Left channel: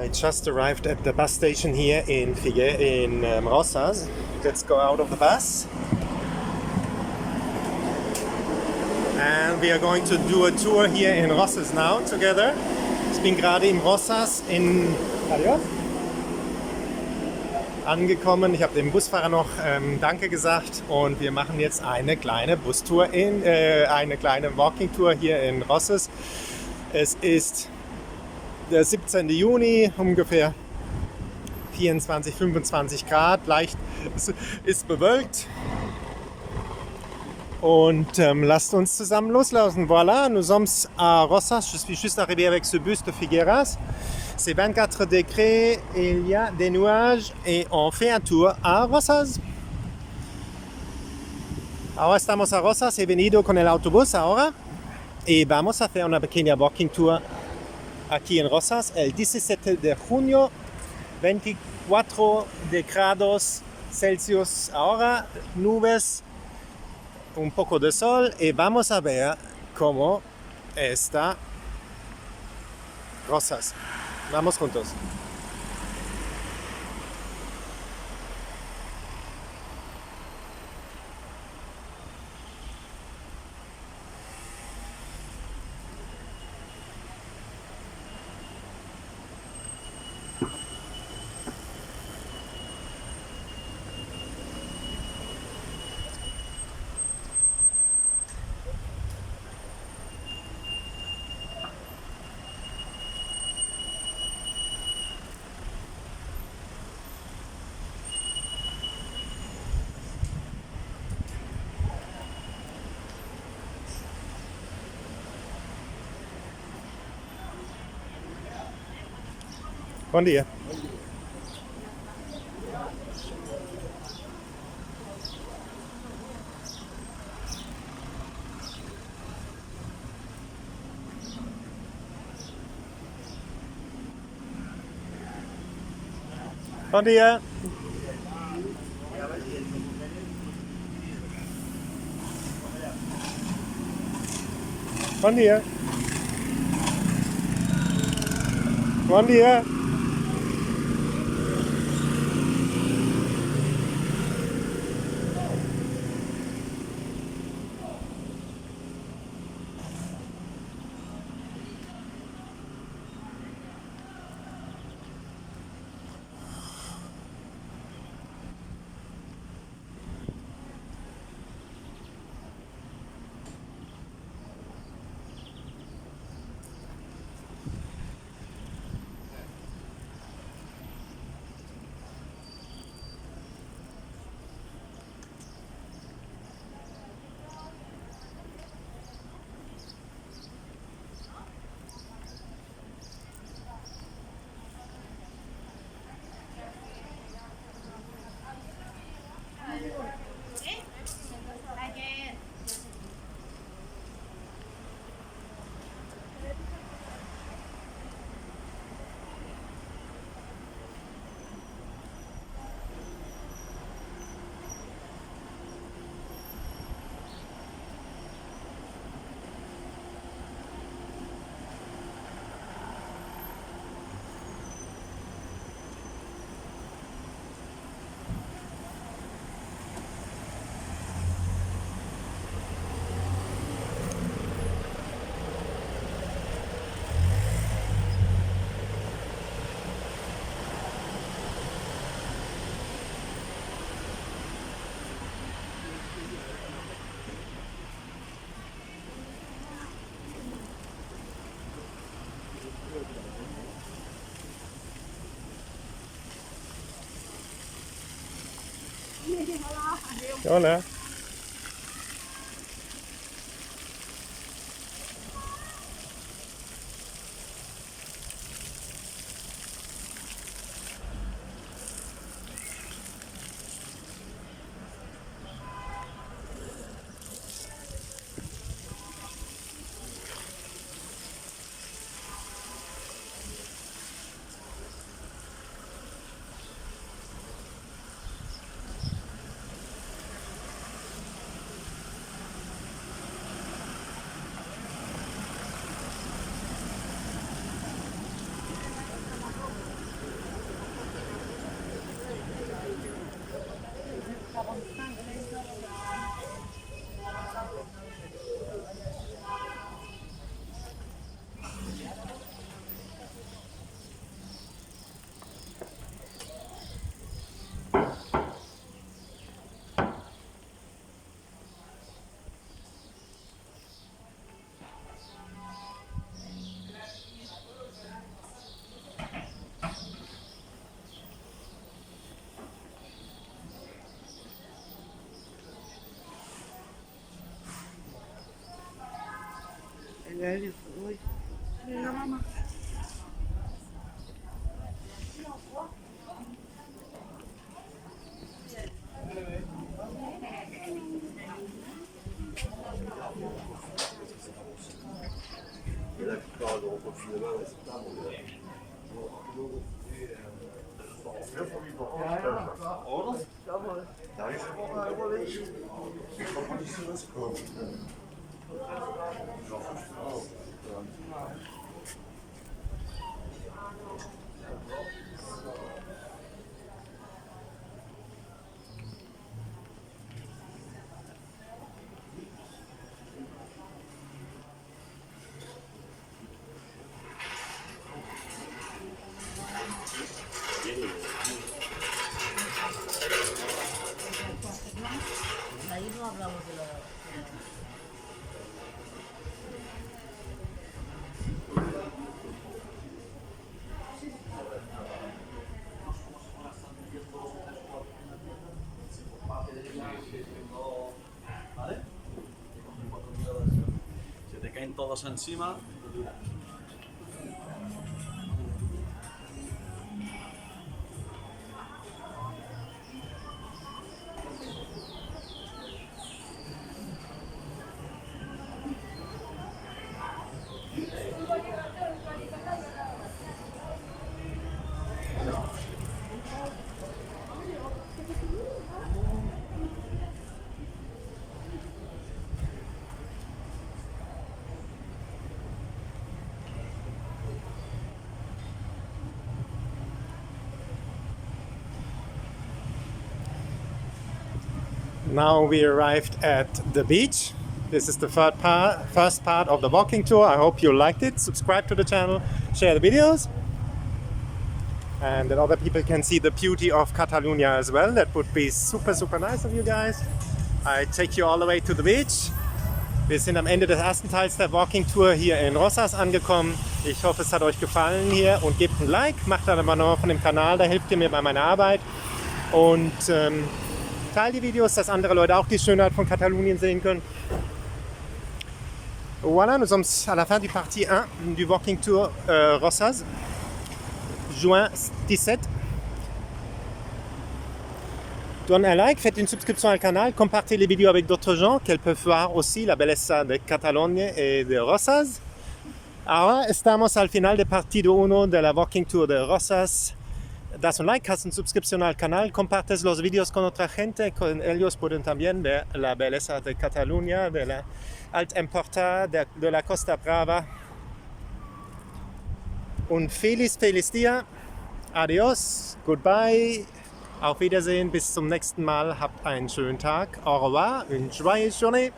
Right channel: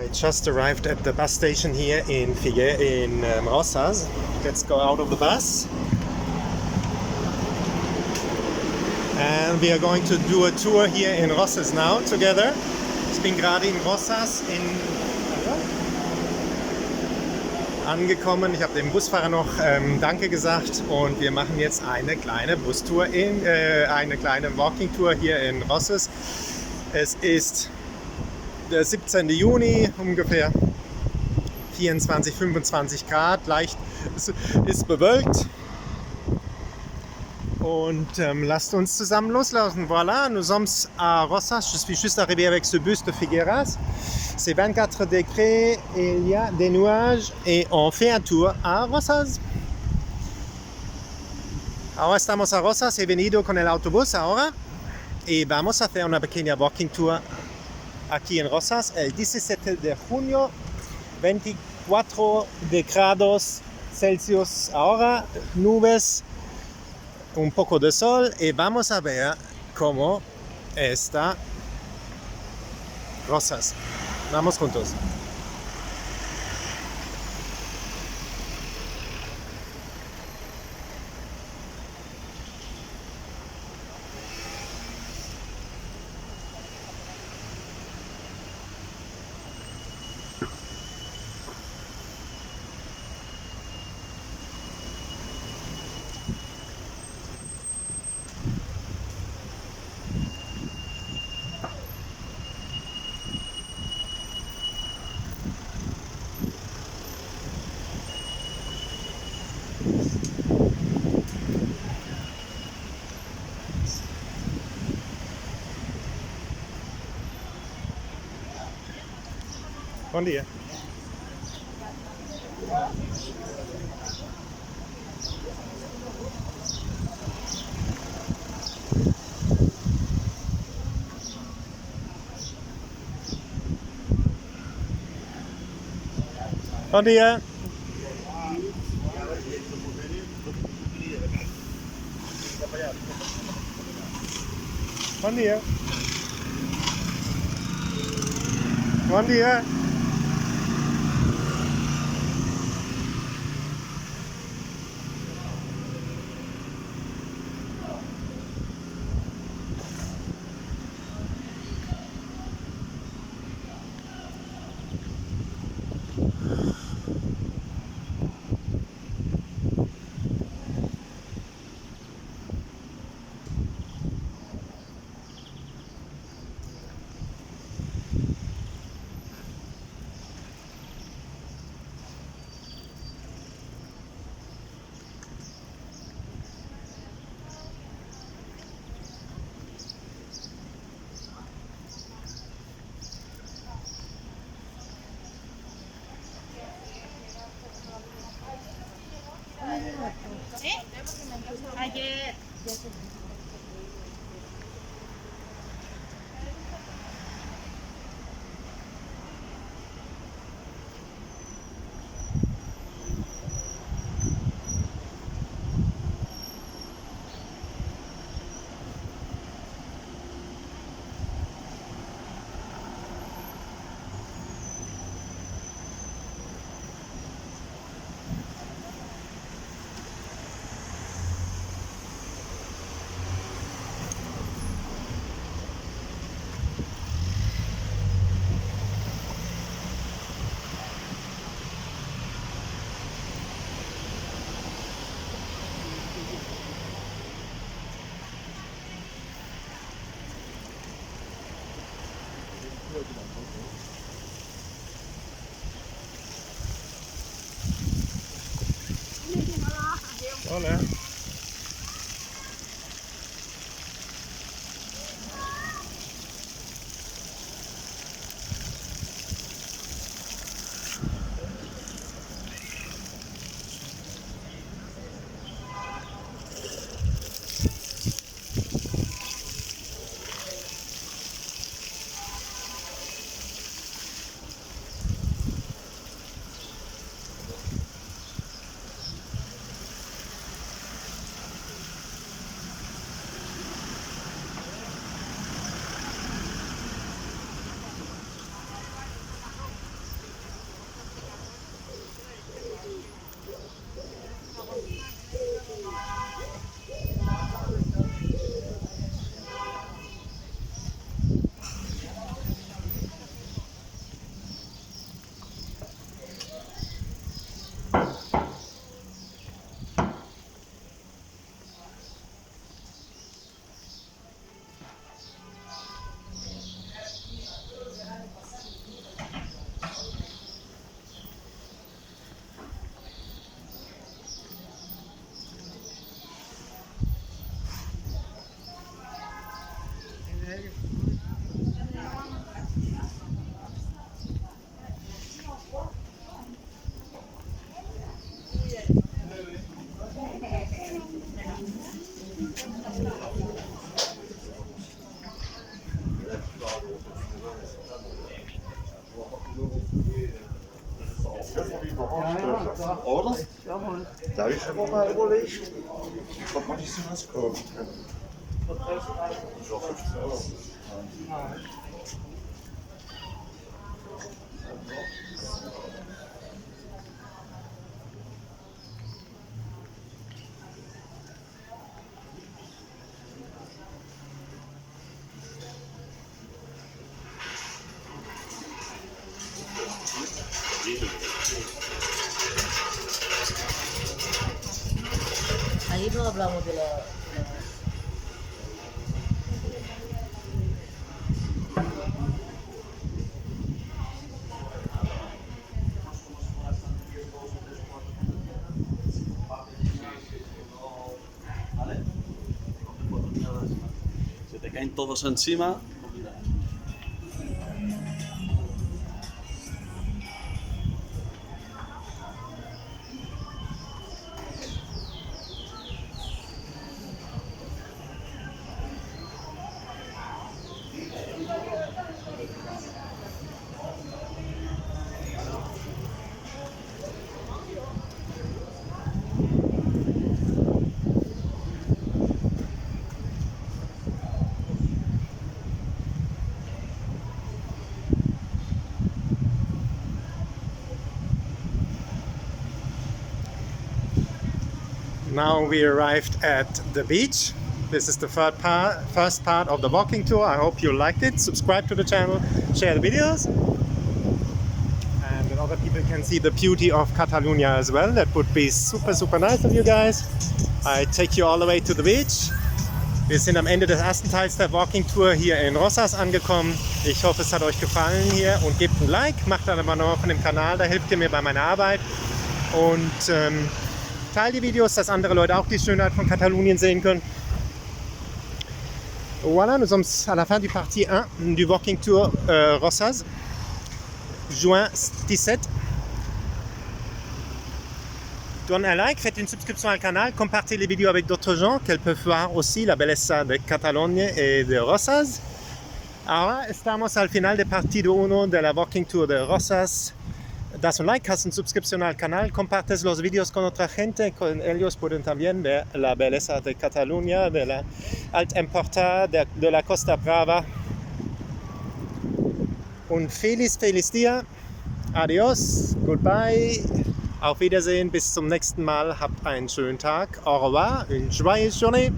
I just arrived at the bus station here in Rosas. Let's go out of the bus. And we are going to do a tour here in Rosas now together. Ich bin gerade in Rosas in angekommen. Ich habe dem Busfahrer noch Danke gesagt und wir machen jetzt eine kleine Bustour eine kleine Walking-Tour hier in Rosas. Es ist der 17. Juni, ungefähr 24, 25 Grad, leicht ist bewölkt. Und lasst uns zusammen loslaufen. Voilà, nous sommes à Rosas. Je suis juste arrivé avec ce bus de Figueras. C'est 24 degrés, il y a des nuages et on fait un tour à Rosas. Ahora estamos a Rosas, he venido con el autobús ahora y vamos a hacer una pequeña walking tour aquí en Rosas el 17 de junio, 24 grados Celsius ahora, nubes, un poco de sol y vamos a ver cómo está Rosas. Vamos juntos. Bom dia. Bom dia. Bom dia. Bom dia. Hola. veranstalter, oder? Da habe ich immer mal überlegt, ob man nicht so was kaufen kann. So 15 Euro. Ahí no hablamos de la... ¿Vale? Se te caen todos encima. Now we arrived at the beach. This is the first part of the walking tour. I hope you liked it. Subscribe to the channel, share the videos, and that other people can see the beauty of Catalonia as well. That would be super, super nice of you guys. I take you all the way to the beach. Wir sind am Ende des ersten Teils der Walking Tour hier in Rosas angekommen. Ich hoffe, es hat euch gefallen hier und gebt ein Like, macht dann aber noch von dem Kanal, da hilft ihr mir bei meiner Arbeit. Und teilt die Videos, dass andere Leute auch die Schönheit von Katalonien sehen können. Voilà, nous sommes à la fin du partie 1 du Walking Tour Rosas, juin 17. Donnez un like, faites une subscription al canal, compartez les vidéos avec d'autres gens qu'elles peuvent voir aussi la belleza de Cataluña et de Rosas. Ahora estamos al final de partido 1 de la Walking Tour de Rosas. Das un like, haz una suscripción al canal, compartes los vídeos con otra gente, con ellos pueden también ver la belleza de Cataluña, de la Alta Empordà, de la Costa Brava. Un feliz día, adios, goodbye, auf Wiedersehen, bis zum nächsten Mal, habt einen schönen Tag, au revoir, une joyeuse journée.